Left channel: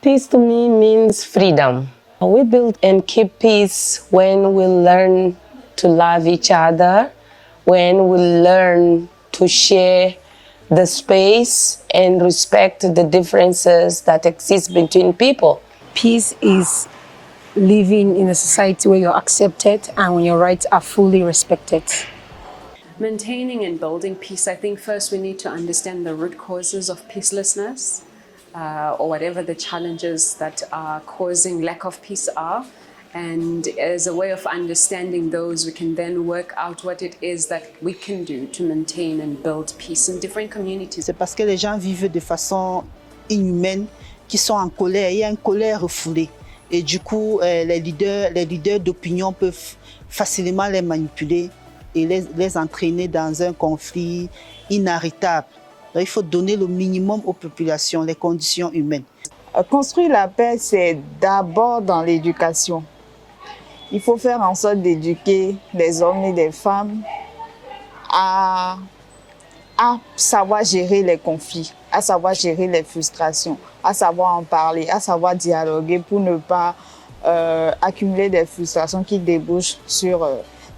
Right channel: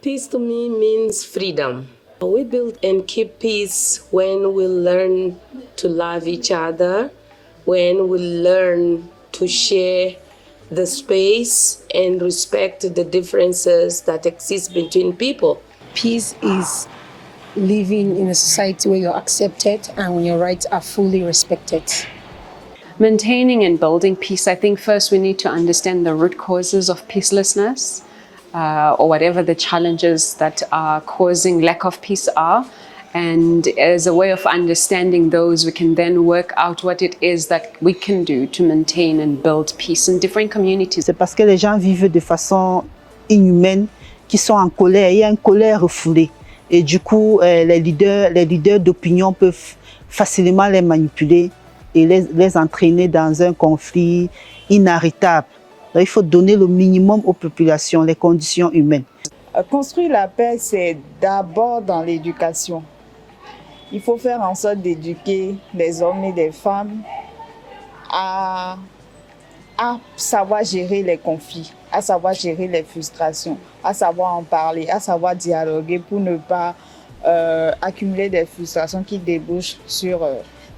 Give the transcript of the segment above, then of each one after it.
Peace to me means freedom. We build and keep peace when we learn to love each other, when we learn to share the space and respect the differences that exist between people. Peace is living in a society where you're accepted and when your rights are fully respected. Maintaining and building peace, I think first we need to understand the root causes of peacelessness, or whatever the challenges that are causing lack of peace are. And as a way of understanding those, we can then work out what it is that we can do to maintain and build peace in different communities. C'est parce que les gens vivent de façon inhumaine, qui sont en colère. Il y a une colère refoulée. Et du coup, les leaders d'opinion peuvent facilement les manipuler et les entraîner dans un conflit inarrêtable. Il faut donner le minimum aux populations, les conditions humaines. Construire la paix, c'est d'abord dans l'éducation. Il faut faire en sorte d'éduquer les hommes et les femmes à savoir gérer les conflits, à savoir gérer les frustrations, à savoir en parler, à savoir dialoguer pour ne pas accumuler des frustrations qui débouchent sur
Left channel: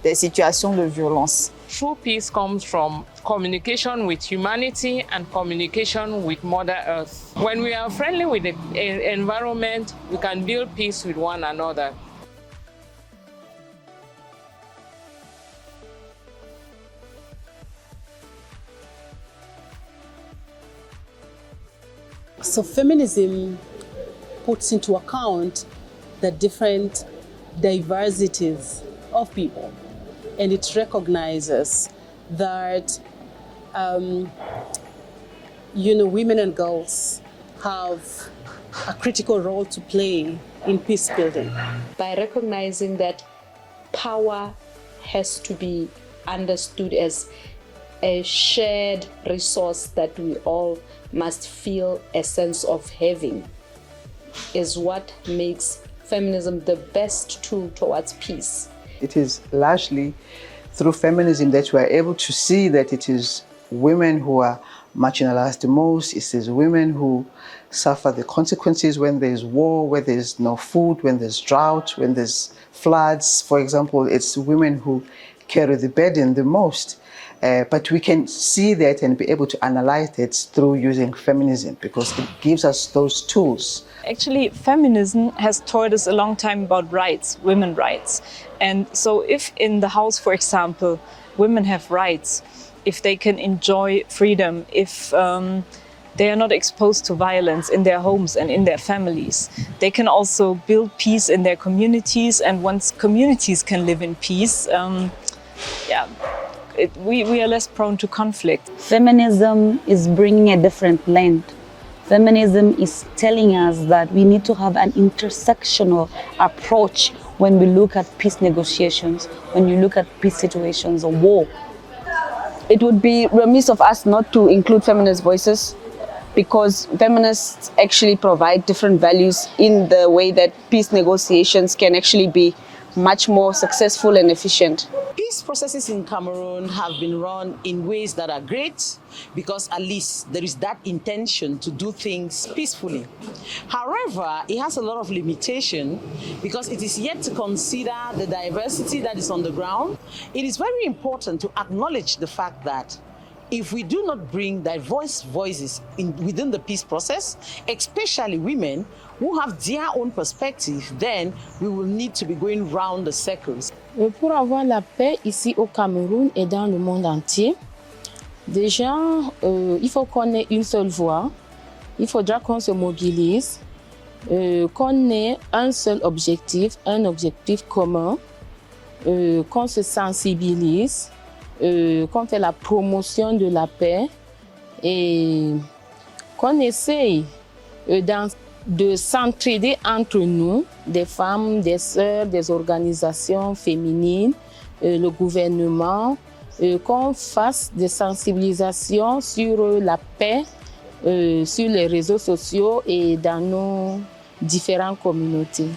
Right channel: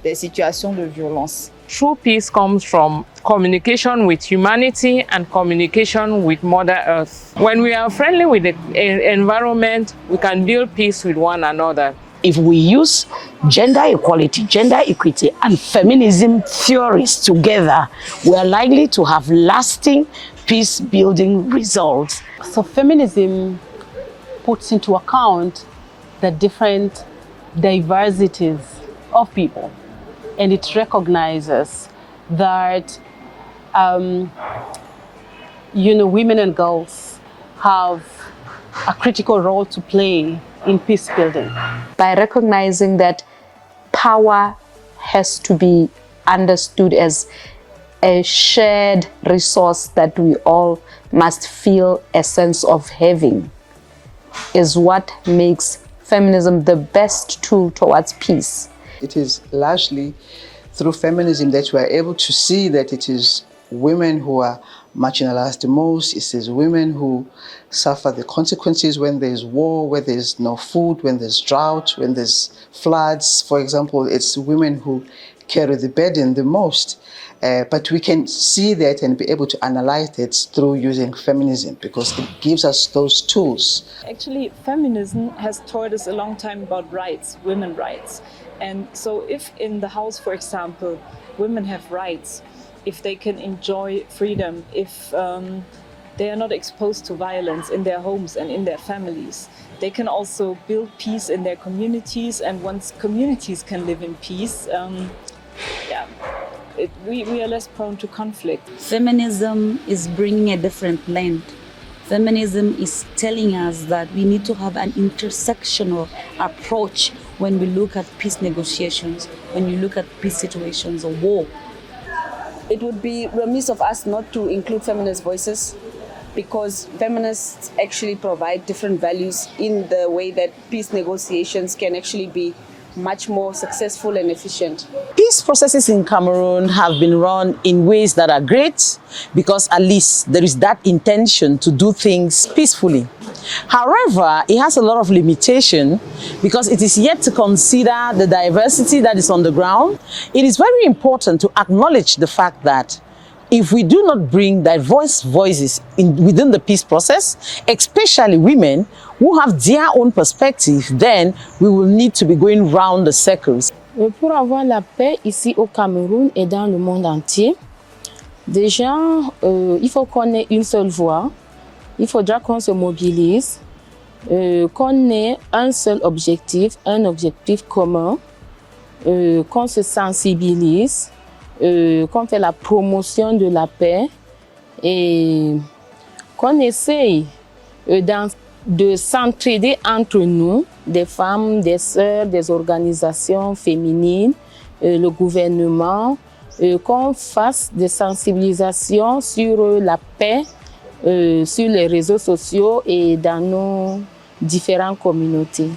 des situations de violence. True peace comes from communication with humanity and communication with Mother Earth. When we are friendly with the environment, we can build peace with one another. If we use gender equality, gender equity, and feminism theories together, we are likely to have lasting peace-building results. So feminism puts into account the different diversities of people. And it recognizes that, women and girls have a critical role to play in peace building. By recognizing that power has to be understood as a shared resource that we all must feel a sense of having, is what makes feminism the best tool towards peace. It is largely through feminism that we are able to see that it is women who are marginalized the most. It is women who suffer the consequences when there's war, where there's no food, when there's drought, when there's floods. For example, it's women who carry the burden the most. But we can see that and be able to analyze it through using feminism because it gives us those tools. Actually, feminism has taught us a long time about rights, women's rights. And so if in the house, for example, women have rights, if they can enjoy freedom, if they are not exposed to violence in their homes and in their families, they can also build peace in their communities. And once communities can live in peace, we are less prone to conflict. Feminism is bringing a different lens. Feminism is telling us that we need to have an intersectional approach when we look at peace negotiations, when you look at peace situations or war. It would be remiss of us not to include feminist voices, because feminists actually provide different values in the way that peace negotiations can actually be much more successful and efficient. Peace processes in Cameroon have been run in ways that are great because at least there is that intention to do things peacefully. However, it has a lot of limitation because it is yet to consider the diversity that is on the ground. It is very important to acknowledge the fact that if we do not bring diverse voices within the peace process, especially women who have their own perspective, then we will need to be going round the circles. Pour avoir la paix ici au Cameroun et dans le monde entier, déjà, il faut qu'on ait une seule voix. Il faudra qu'on se mobilise, qu'on ait un seul objectif, un objectif commun, qu'on se sensibilise, qu'on fait la promotion de la paix et qu'on essaye de s'entraider entre nous, des femmes, des sœurs, des organisations féminines, le gouvernement, qu'on fasse des sensibilisations sur la paix sur les réseaux sociaux et dans nos différentes communautés.